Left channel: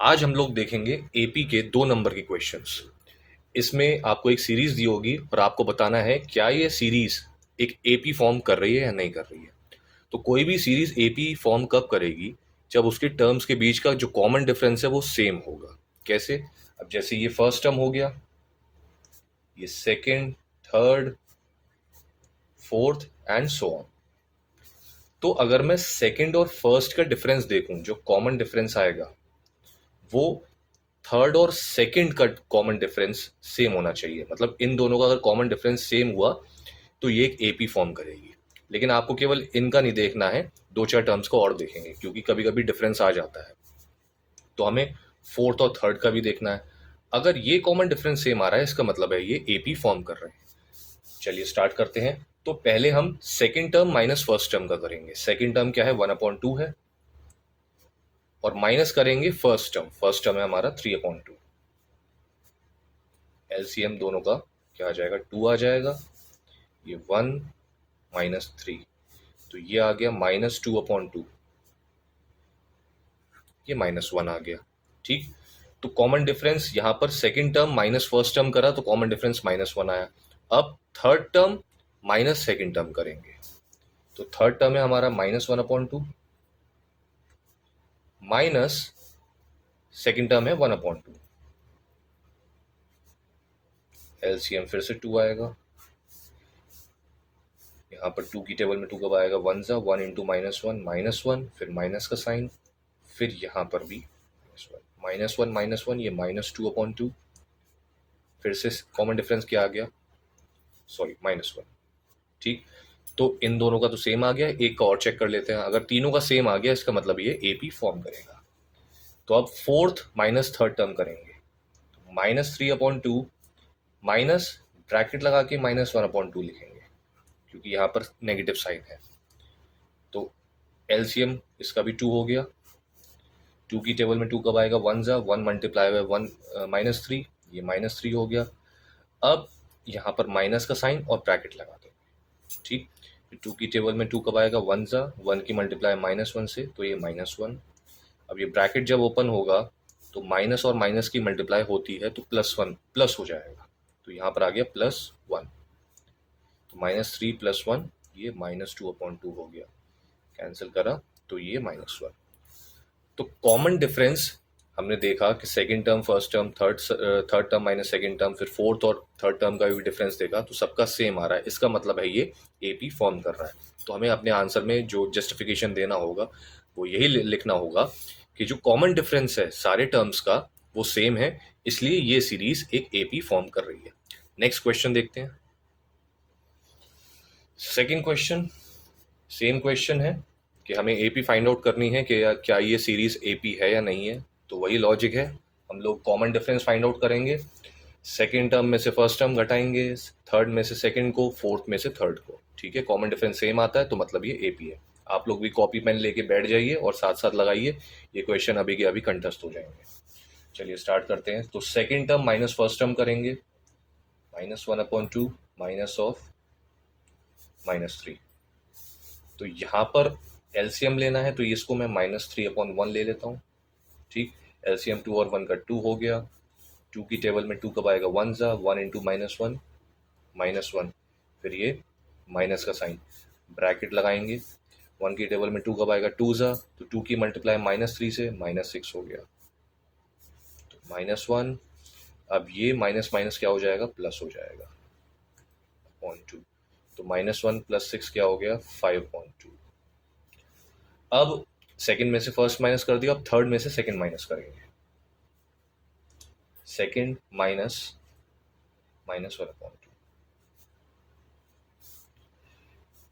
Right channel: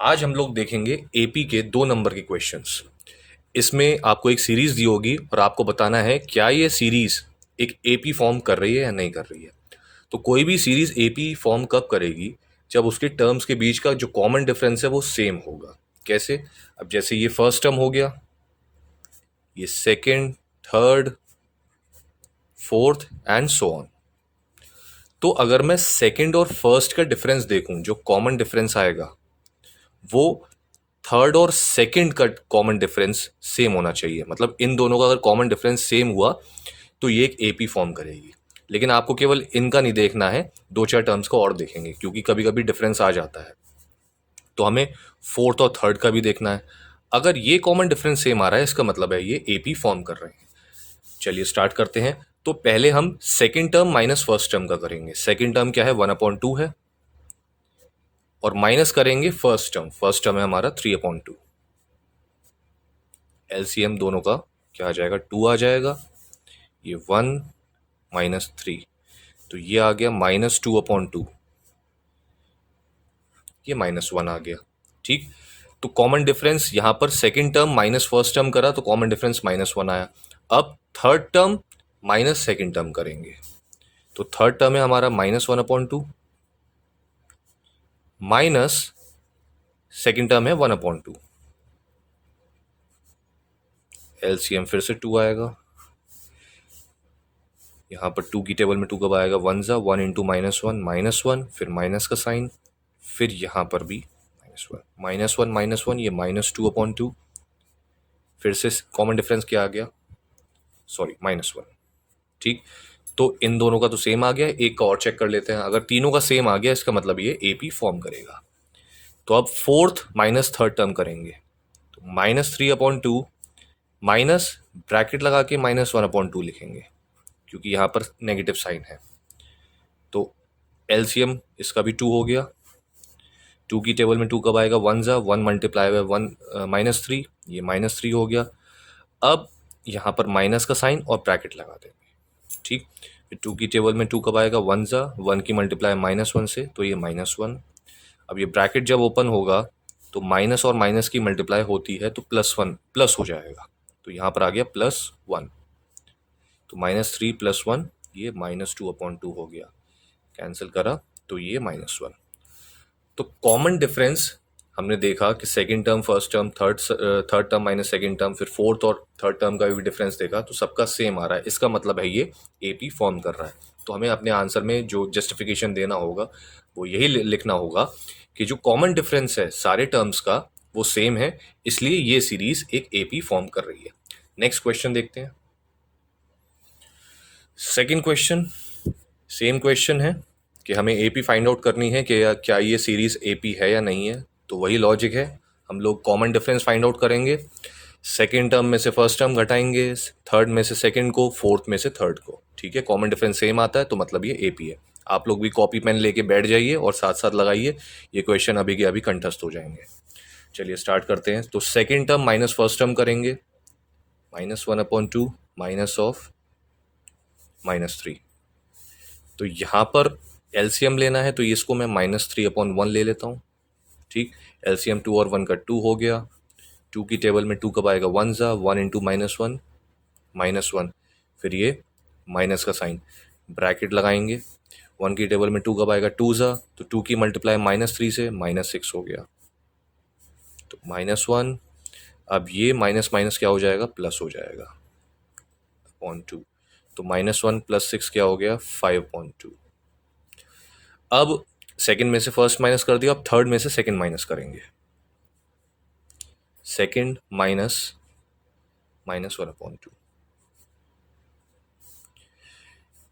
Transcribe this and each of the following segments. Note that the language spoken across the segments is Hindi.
आज हम लोग देखेंगे एपी के 2 नंबर के क्वेश्चंस। इसमें आपको एक सीरीज दी होगी और आपको बताना है क्या ये सीरीज एक एपी फॉर्म कर रही है या नहीं कर रही है। तो कोई भी सीरीज एपी फॉर्म कब करेगी? जब उसके टर्म्स के बीच का जो कॉमन डिफरेंस है वो सेम होगा। कैसे? अब जैसे ये फर्स्ट टर्म हो गया, ये second, third, fourth and so on. तो अगर मैं सेकंड और फर्स्ट का डिफरेंस देखूं, जो कॉमन डिफरेंस आएगा वो थर्ड और सेकंड का कॉमन डिफरेंस सेम होना चाहिए। मतलब इन दोनों का अगर कॉमन डिफरेंस सेम हुआ तो ये एक एपी फॉर्म करेगी। लेकिन आपको केवल इनका नहीं देखना है, 2-4 टर्म्स को और देखेंगे क्योंकि कभी कभी डिफरेंस आ जाता है। तो हमें फोर्थ और थर्ड का भी देखना है। अगर ये कॉमन डिफरेंस सेम आ रहा है इसका मतलब है ये एपी फॉर्म कर रहे हैं। चलिए स्टार्ट करते हैं। तो पहले हम second term minus first term का करेंगे। सेकेंड टर्म क्या है? 1/2 है। और माइनस करेंगे फर्स्ट टर्म। फर्स्ट टर्म है हमारा 3/2। एलसीएम दोनों का क्या आ जाएगा? 2 आ जाएगा। ये 1 - 3, तो ये आ गया -2/2। ये -1 आ गया। ठीक। तो कॉमन डिफरेंस यहाँ पर second term minus first term करा तो कॉमन डिफरेंस -1 आया। अब third term minus second term करेंगे। तो थर्ड टर्म है हमारा -1/2 माइनस सेकंड टर्म है 1/2। एलसीएम फिर से 2 आएगा। यहाँ पर 2 की टेबल में 2 कब आएगा? 1 इंटू -1 फिर माइनस का साइन। फिर यहाँ पर भी -1 ये -2/2। फिर से कॉमन डिफरेंस क्या आ गया? सॉरी, -1। ठीक। तो इन दोनों का तो सेम आ गया। एक का और चेक कर लेते हैं। अगर तीनों का सेम आ गया इसका मतलब ये एपी फॉर्म करेगा। तो अब फोर्थ माइनस थर्ड टर्म करेंगे। तो -3/2 माइनस ब्रैकेट लगा के -1/2 लिखेंगे क्योंकि यहाँ पर नेगेटिव साइन है। तो एलसीएम इसका भी 2 हो गया। 2 की टेबल में 2 कब आएगा? 1 मल्टीप्लाई बाय 1 -3, ये -3 हो गया। अब यहाँ पर माइनस का साइन और ब्रैकेट लगा देंगे। ठीक। फिर 2 की टेबल में 2 कब आएगा? 1 की मल्टीप्लाई -1 से, तो ये -1। अब ये ब्रैकेट जब ओपन होगा तो माइनस और माइनस की मल्टीप्लाई होती है तो +1 प्लस हो जाएगा। तो यहाँ पर आ गया +1। तो -3 + 1 ये -2/2 हो गया। कैंसिल करा तो ये -1। तो कॉमन डिफरेंस हमने देखा कि second term first term, third term minus second term, फिर फोर्थ और थर्ड टर्म का भी डिफरेंस देखा तो सबका सेम आ रहा है। इसका मतलब है ये एपी फॉर्म कर रहा है। तो हमें अपने आंसर में जो जस्टिफिकेशन देना होगा वो यही लिखना होगा कि जो कॉमन डिफरेंस है सारे टर्म्स का वो सेम है, इसलिए ये सीरीज एक एपी फॉर्म कर रही है। नेक्स्ट क्वेश्चन देखते हैं। सेकंड क्वेश्चन सेम क्वेश्चन है कि हमें एपी फाइंड आउट करनी है कि क्या ये सीरीज एपी है या नहीं है। तो वही लॉजिक है, हम लोग कॉमन डिफरेंस फाइंड आउट करेंगे। सेकेंड टर्म में से फर्स्ट टर्म घटाएंगे, थर्ड में से सेकेंड को, फोर्थ में से थर्ड को। ठीक है, कॉमन डिफरेंस सेम आता है तो मतलब ये एपी है। आप लोग भी कॉपी पेन लेके बैठ जाइए और साथ साथ लगाइए, ये क्वेश्चन अभी के अभी कंठस्थ हो जाएंगे। चलिए स्टार्ट करते हैं। तो second term minus first term करेंगे। -1/2 माइनस ऑफ -3। तो यहाँ पर एलसीएम लेना है तो इसको मैं -3/1 ले लेता हूँ। ठीक। एलसीएम 2 और 1 का 2 हो गया। 2 की टेबल में 2 कब आएगा? 1 इंटू -1 फिर ये माइनस का साइन, ब्रैकेट लगाएंगे। 1 की टेबल में 2 कब आएगा? 2 तो 2 की मल्टीप्लाई -3 से -6 हो गया। तो -1। अब ये माइनस माइनस क्या हो जाएगा? प्लस हो जाएगा (2). तो -1 + 6 क्या हो गया? 5/2। अब सेकंड में से फर्स्ट माइनस कर दिया, अब थर्ड में से सेकंड माइनस करेंगे। सेकंड माइनस -1/2,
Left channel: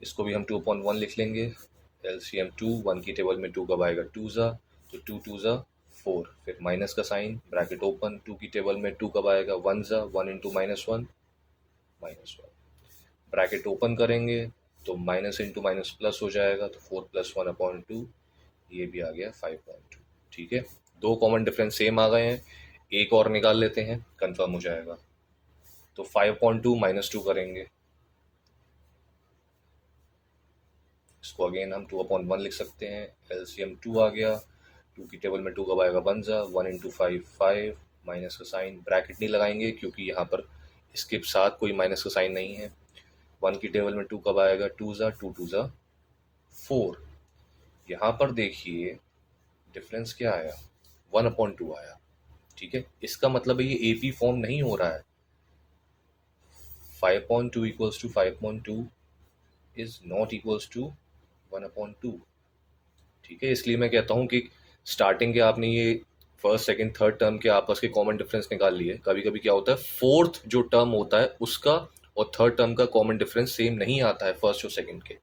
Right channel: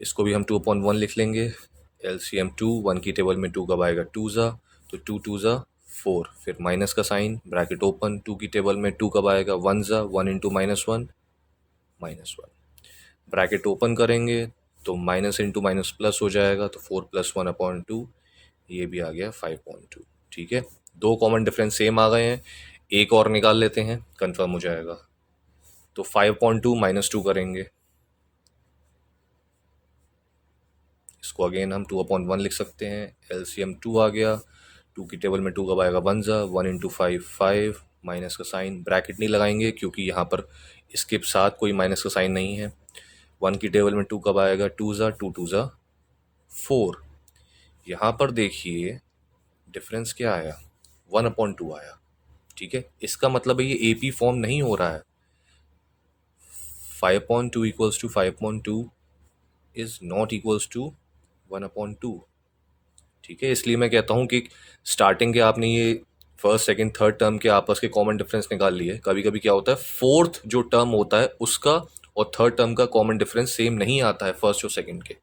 इसको भी हम 2/1 लिख लेंगे। एलसीएम 2, 1 की टेबल में 2 कब आएगा? 2 तो 2 2 4, फिर माइनस का साइन, ब्रैकेट ओपन। 2 की टेबल में 2 कब आएगा? 1 इंटू -1 ब्रैकेट ओपन करेंगे तो माइनस इंटू माइनस प्लस हो जाएगा, तो 4 + 1/2, ये भी आ गया 5/2। ठीक है, दो कॉमन डिफरेंस सेम आ गए हैं। एक और निकाल लेते हैं, कंफर्म हो जाएगा। तो 5/2 -2 करेंगे, इसको अगेन हम 2/1 लिख सकते हैं। एलसीएम 2 आ गया। टू की टेबल में टू कब आएगा, वन ज़ा, one into five five, minus का साइन, ब्रैकेट नहीं लगाएंगे क्योंकि यहाँ पर इसके साथ कोई माइनस का साइन नहीं है। वन की टेबल में टू कब आएगा, टू ज़ा, टू ज़ा फोर। यहाँ पर देखिए डिफरेंस क्या आया, वन अपॉन टू आया। ठीक है, इसका मतलब है ये AP फॉर्म नहीं हो रहा है। 5/2 equals to 5/2 is not equals to 1/2। ठीक है, इसलिए मैं कहता हूँ कि स्टार्टिंग के आपने ये फर्स्ट सेकंड थर्ड टर्म के आपस के कॉमन डिफरेंस निकाल लिए। कभी कभी क्या होता है, फोर्थ जो टर्म होता है उसका और थर्ड टर्म का कॉमन डिफरेंस सेम नहीं आता है फर्स्ट और सेकंड के।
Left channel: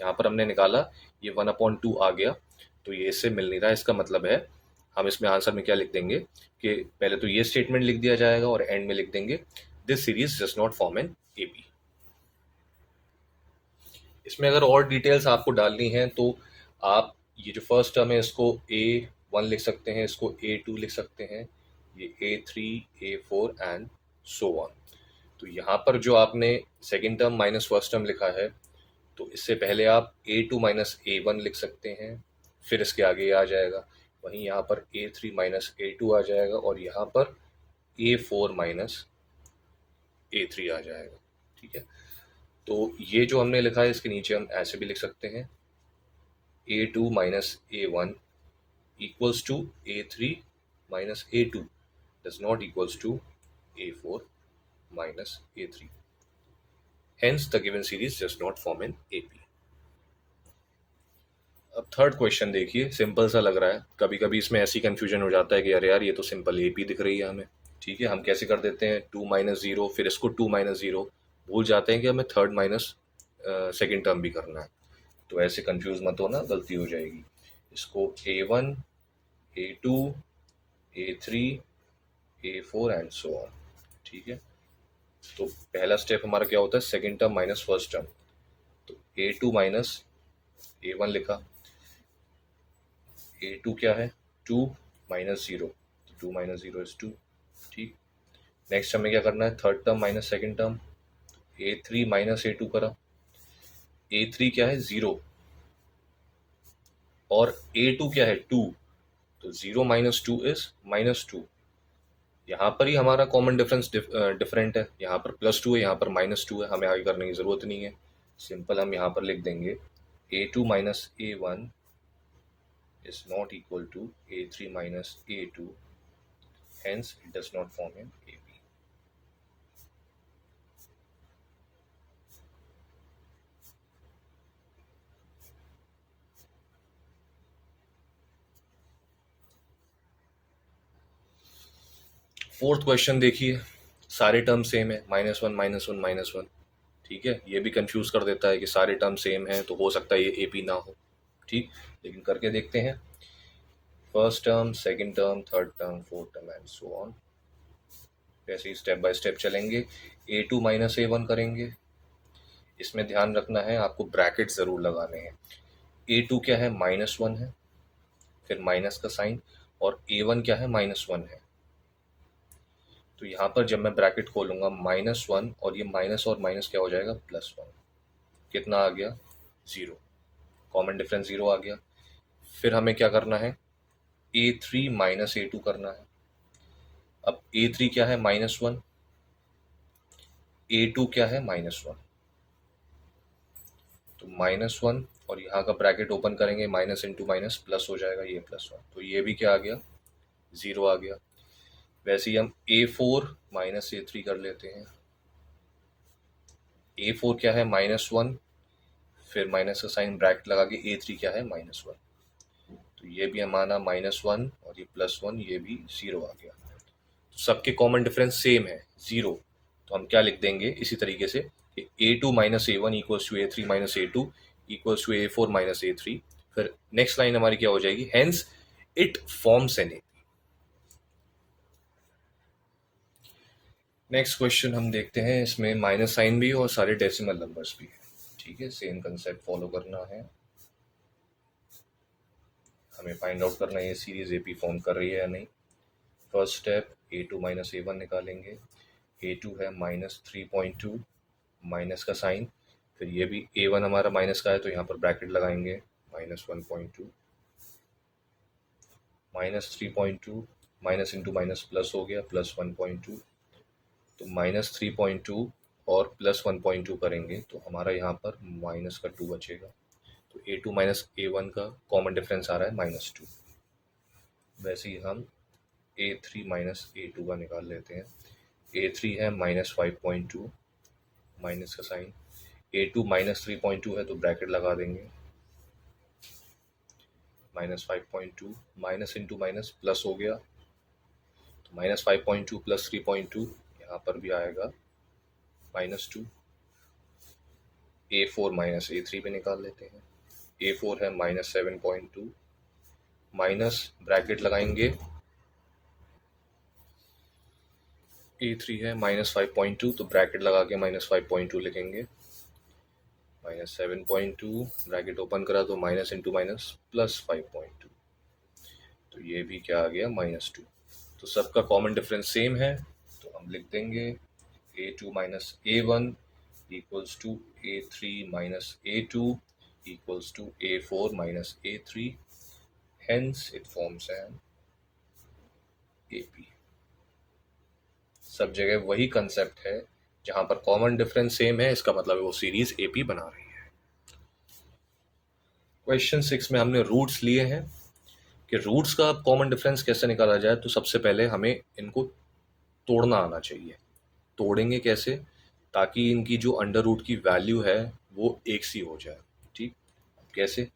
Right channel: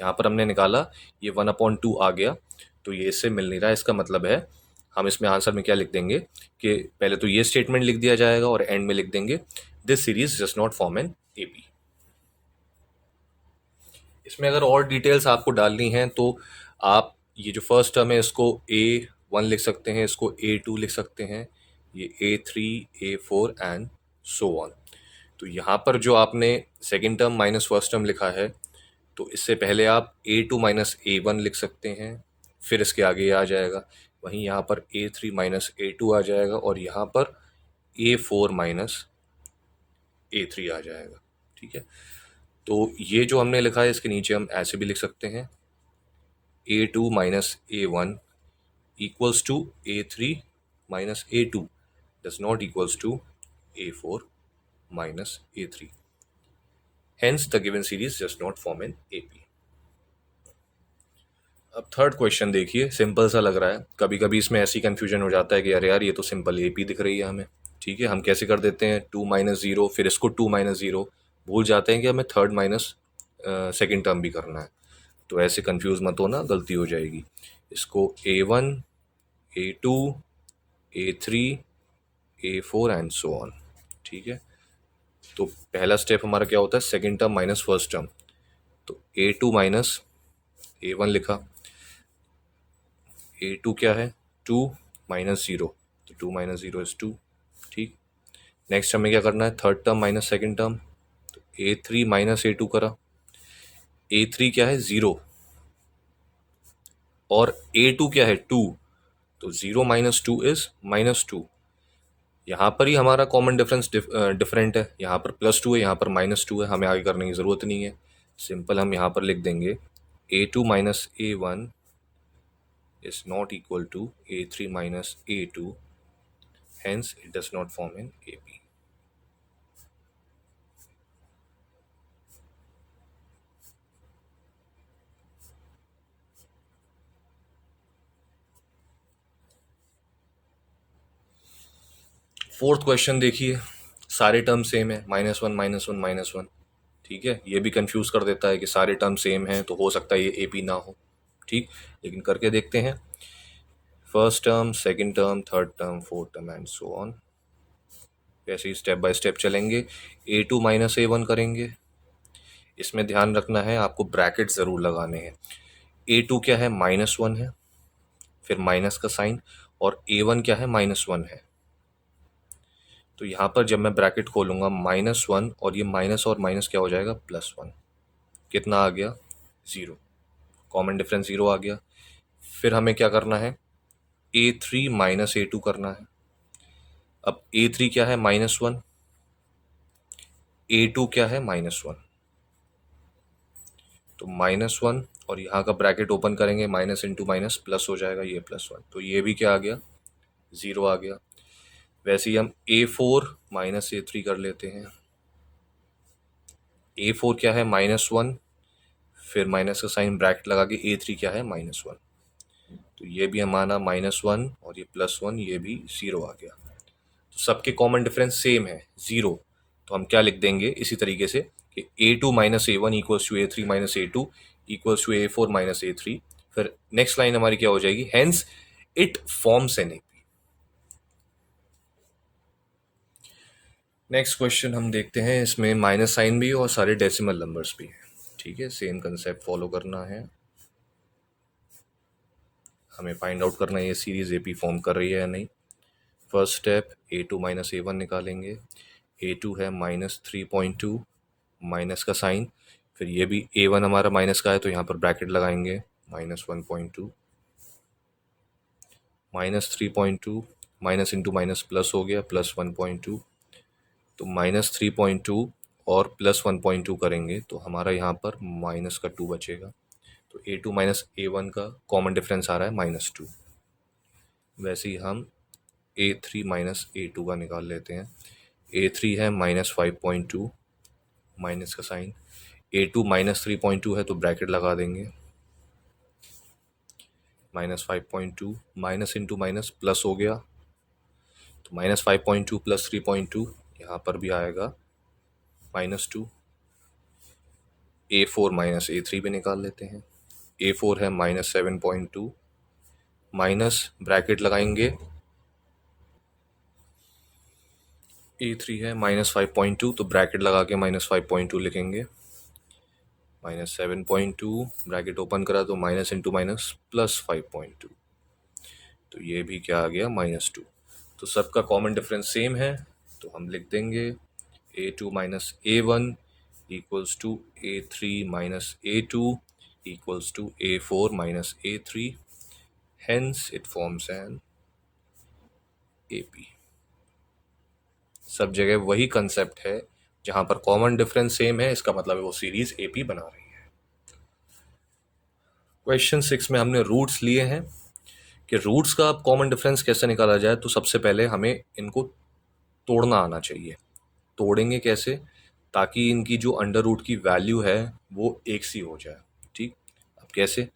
यहाँ पर हमने निकाला, ये 1/2 आ गया, तो ये इससे मिल नहीं रहा। इसका मतलब है हम इसमें आंसर में क्या लिख देंगे कि पहले तो ये स्टेटमेंट लिख दिया जाएगा और एंड में लिख देंगे this series does not form an AP। इसमें अगर और डिटेल्स आपको डालनी है तो आप ये जो फर्स्ट टर्म है इसको A1 लिख सकते हैं, इसको A2 लिख सकते हैं, ये A3, A4 and so on. तो यहाँ पर जो आपने second term minus first term लिखा है, तो इससे पहले आप A2 माइनस A1 लिख सकते हैं, फिर इसके आगे ये आ जाएगा। वहीं यहाँ पर A3 माइनस A2 आ जाएगा और यहाँ पर A4 माइनस A3 आ जाएगा। ठीक है, तो ये जो हमने लिखा है इसके नीचे हम ऐसे भी लिख सकते हैं, A2 minus A1 equals to A3 minus A2 does not equals to A4 minus A3. Hence, the given series does not form an AP. अब थर्ड क्वेश्चन देखिए, सिंपल सा लग रहा है। कभी कभी इसमें ऐसी कंफ्यूजन हो जाता है कि अरे यार ये तो सिंपल AP दिख रही है हमें। ठीक है, हम कैसे कर देते हैं, टू माइनस ज़ीरो, फिर इसको टू माइनस ज़ीरो, भूल जाते हैं कि हमें थर्ड माइनस सेकेंड टर्म भी करना है। तो ऐसे कंफ्यूज मत होना, गलती हो जाएगी। इसको A1, A2, A3, A4 and so on. ठीक है, तो पहला स्टेप हमारा क्या होता है, second term minus first term. तो A2 माइनस A1 लिखा, A2 क्या है, टू माइनस ज़ीरो, तो two minus zero is two. ठीक, नेक्स्ट हमें क्या करना है, third term minus second term, तो A3 माइनस A2 करा। A3 क्या है, ज़ीरो, और A2 क्या है, टू, तो zero minus two is minus two. यहाँ पर ही हमारा कॉमन डिफरेंस डिफरेंट है, यहाँ पर प्लस टू है, यहाँ पर माइनस टू है, हमें आगे करने की ज़रूरत नहीं है। सिंपल हम यहाँ पर लिख देंगे A2 minus A1 is not equal to A3 minus A2, hence it does not form an AP. Fourth question देखिए, सारे टर्म सेम है, minus one minus one minus one. ठीक है, ये भी कंफ्यूज कर देता है कि सारे टर्म सेम हैं तो हो सकता है ये AP ना हो। ठीक, लेकिन करके देखते हैं, first term, second term, third term, fourth term and so on. वैसे ही स्टेप बाय स्टेप चलेंगे। A2 माइनस A1 करेंगे, इसमें ध्यान रखना है आपको ब्रैकेट ज़रूर लगाने हैं। A2 क्या है, माइनस वन है, फिर माइनस का साइन, और A1 क्या है, माइनस वन है। तो यहाँ पर जब मैं ब्रैकेट खोलूँगा, माइनस वन और ये माइनस और माइनस क्या हो जाएगा, प्लस वन। कितना आ गया, ज़ीरो, कॉमन डिफरेंस ज़ीरो आ गया। फिर हमें क्या करना है, A3 माइनस A2 करना है। अब A3 क्या है, माइनस वन, A2 क्या है, माइनस वन, तो माइनस वन और यहाँ का ब्रैकेट ओपन करेंगे, माइनस इंटू माइनस प्लस हो जाएगा, ये प्लस वन, तो ये भी क्या आ गया, ज़ीरो आ गया। वैसे ही हम A4 माइनस A3 कर लेते हैं। A4 क्या है, माइनस वन, फिर माइनस का साइन ब्रैकेट लगा के A3 क्या है, माइनस वन, तो ये भी हमारा माइनस वन और ये प्लस वन, ये भी ज़ीरो आ गया। तो सबके कॉमन डिफरेंस सेम है, ज़ीरो। तो हम क्या लिख देंगे इसी तरीके से कि A2 minus A1 equals to A3 minus A2 equals to A4 minus A3। फिर नेक्स्ट लाइन हमारी क्या हो जाएगी, hence it forms an AP। Next question हम देखते हैं, इसमें माइनस साइन भी है और सारे डेसिमल नंबर्स भी हैं। ठीक है, सेम कंसेप्ट फॉलो करना है, हमें फाइंड आउट करना है ये सीरीज AP फॉर्म कर रही है या नहीं। First step, A2 minus A1 निकालेंगे। A2 है -3.2, माइनस का साइन, फिर ये भी A1 हमारा माइनस का है तो यहाँ पर ब्रैकेट लगाएंगे, -1.2, -3.2 माइनस इंटू माइनस प्लस हो गया +1.2, तो -3.2 और +1.2 करेंगे तो हमारा यहाँ पर माइनस का 2 बचेगा। तो A2 माइनस A1 का कॉमन डिफरेंस आ रहा है -2। वैसे ही हम A3 माइनस A2 का निकाल लेते हैं। A3 है -5.2, माइनस का साइन। A2 -3.2 है तो ब्रैकेट लगा देंगे। -5.2 माइनस इंटू माइनस प्लस हो गया, तो -5.2 + 3.2 यहाँ पर भी आएगा -2। A4 माइनस A3 भी निकाल लेते हैं। A4 है -7.2, माइनस ब्रैकेट लगाएंगे। A3 है -5.2, तो ब्रैकेट लगा के -5.2 लिखेंगे। -7.2 ब्रैकेट ओपन करा तो माइनस इंटू माइनस +5.2, तो ये भी क्या आ गया -2। तो सबका कॉमन डिफरेंस सेम है, तो हम लिख देंगे A2 minus A1 equals to A3 minus A2 equals to A4 minus A3, hence it forms an AP। सब जगह वही कंसेप्ट है, जहां पर कॉमन डिफरेंस सेम है, इसका मतलब है वो सीरीज AP बना रही है। क्वेश्चन 6 में हमने रूट्स लिए हैं कि रूट्स का कॉमन डिफरेंस कैसे निकाला जाए। तो सबसे पहले हमें इनको तोड़ना आना चाहिए। तोड़ेंगे कैसे, ताकि इनकी जो अंडर रूट की वैल्यू है वो एक सी हो जाए। ठीक, अब कैसे?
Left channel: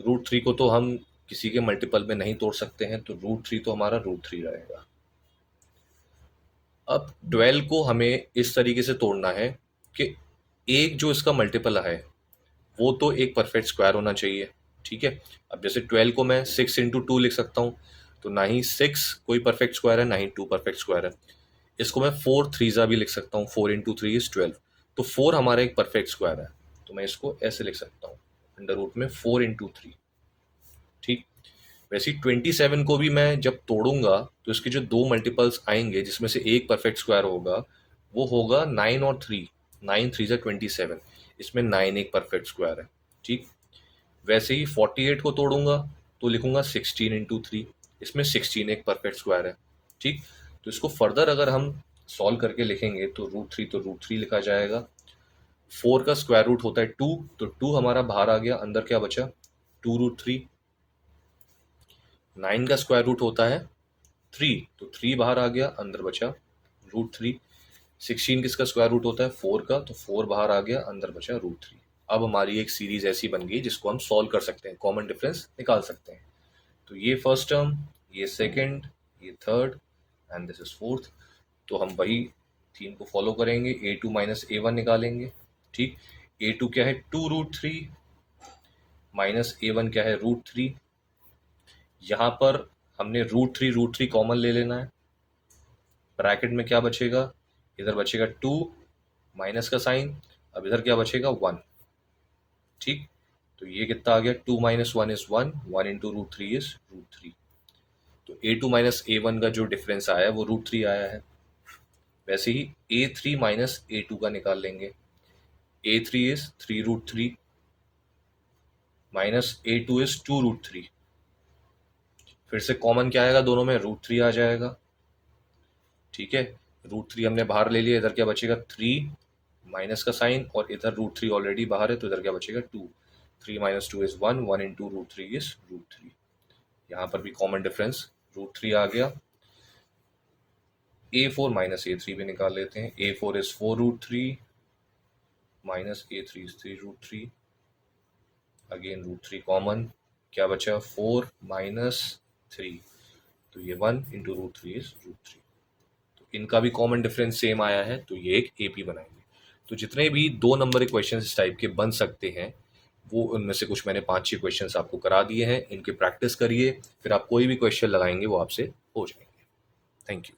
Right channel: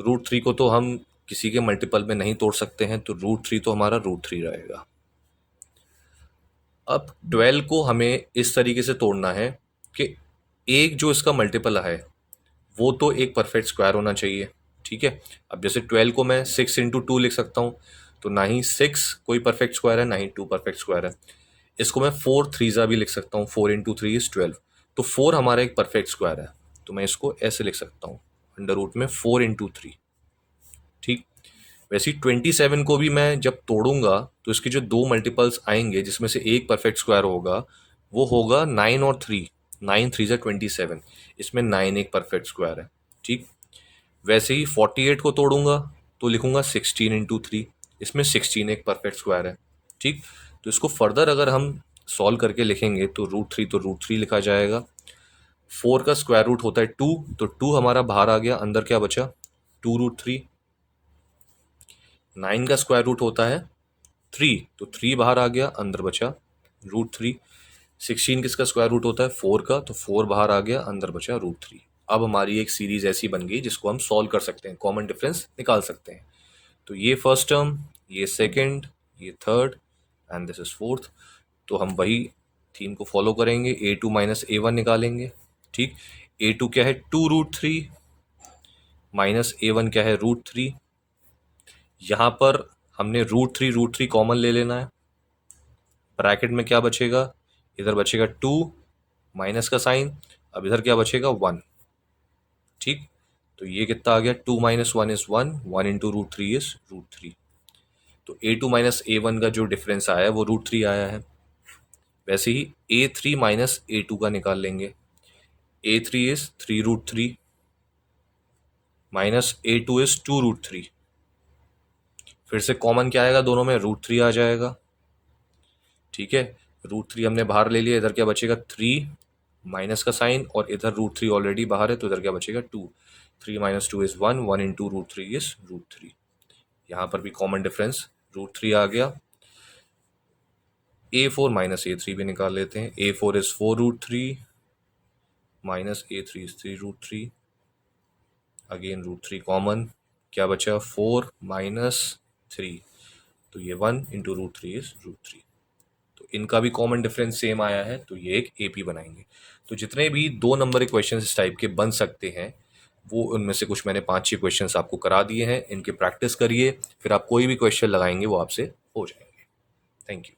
√3 को तो हम किसी के मल्टीपल में नहीं तोड़ सकते हैं, तो √3 तो हमारा √3 रहेगा। अब 12 को हमें इस तरीके से तोड़ना है कि एक जो इसका मल्टीपल है वो तो एक परफेक्ट स्क्वायर होना चाहिए। ठीक है, अब जैसे 12 को मैं 6 इंटू 2 लिख सकता हूँ, तो ना ही 6 कोई परफेक्ट स्क्वायर है, ना ही 2 परफेक्ट स्क्वायर है। इसको मैं 4 3 भी लिख सकता हूँ, 4 इंटू 3 इज 12, तो 4 हमारा एक परफेक्ट स्क्वायर है। तो मैं इसको ऐसे लिख सकता हूँ, अंडर रूट में 4 इंटू 3। ठीक, वैसे ही 27 को भी मैं जब तोड़ूंगा तो इसके जो दो मल्टीपल्स आएंगे जिसमें से एक परफेक्ट स्क्वायर होगा, वो होगा 9 और 3। 9 3 27, इसमें 9 एक परफेक्ट स्क्वायर है। ठीक, वैसे ही 48 को तोड़ूंगा तो लिखूंगा 16 इंटू 3, इसमें 16 एक परफेक्ट स्क्वायर है। ठीक, तो इसको फर्दर अगर हम सॉल्व करके लिखेंगे तो √3 तो √3 लिखा जाएगा। 4 का स्क्वायर रूट होता है 2, तो 2 हमारा बाहर आ गया, अंदर क्या बचा 2√3। 9 का स्क्वायर रूट होता है 3, तो 3 बाहर आ गया, अंदर बचा √3। 16 किसका स्क्वायर रूट होता है 4 का, तो 4 बाहर आ गया, अंदर बचा √3। अब हमारी एक सीरीज ऐसी बन गई जिसको हम सॉल्व कर सकते हैं, कॉमन डिफरेंस निकाल सकते हैं। तो ये फर्स्ट टर्म, ये सेकंड, ये third and this is fourth. तो हम वही थीम को फॉलो करेंगे, A2 माइनस A1 निकालेंगे। ठीक, A2 क्या है 2√3 माइनस A1 क्या है √3। यहाँ पर हमने √3 कॉमन ले लेना है। ब्रैकेट में क्या बचेगा, इधर बचेगा 2 माइनस का साइन, अब इधर क्या बचेगा 1। ठीक, तो ये कितना आ गया 2 माइनस 1 इज 1, 1 इंटू √3 इज √3। तो A2 माइनस A1 का जो डिफरेंस आया है वो √3 आया है। वैसे ही A3 माइनस A2 का निकाल लेंगे। A3 is 3√3 minus A2 is 2√3। फिर से कॉमन क्या आएगा, दोनों में √3 आ जाएगा। ठीक है, √3 हमने बाहर ले लिया, इधर क्या बचेगा 3 माइनस का साइन, और इधर √3 ऑलरेडी बाहर है, तो इधर क्या बचेगा 2। 3 माइनस 2 इज 1, 1 इंटू √3 इज √3। यहाँ पर भी कॉमन डिफरेंस √3 आ गया। A4 माइनस A3 भी निकाल लेते हैं। A4 is 4√3 minus A3 is 3√3, again √3 common, क्या बचा 4 माइनस 3, तो ये 1 इंटू √3 इज √3। तो इनका भी कॉमन डिफरेंस सेम आया है, तो ये एक AP बनाएंगे। तो जितने भी 2 नंबर के क्वेश्चन इस टाइप के बन सकते हैं, वो उनमें से कुछ मैंने 5-6 क्वेश्चंस आपको करा दिए हैं। इनकी प्रैक्टिस करिए, फिर आप कोई भी क्वेश्चन लगाएंगे वो आपसे हो जाएंगे। Thank you.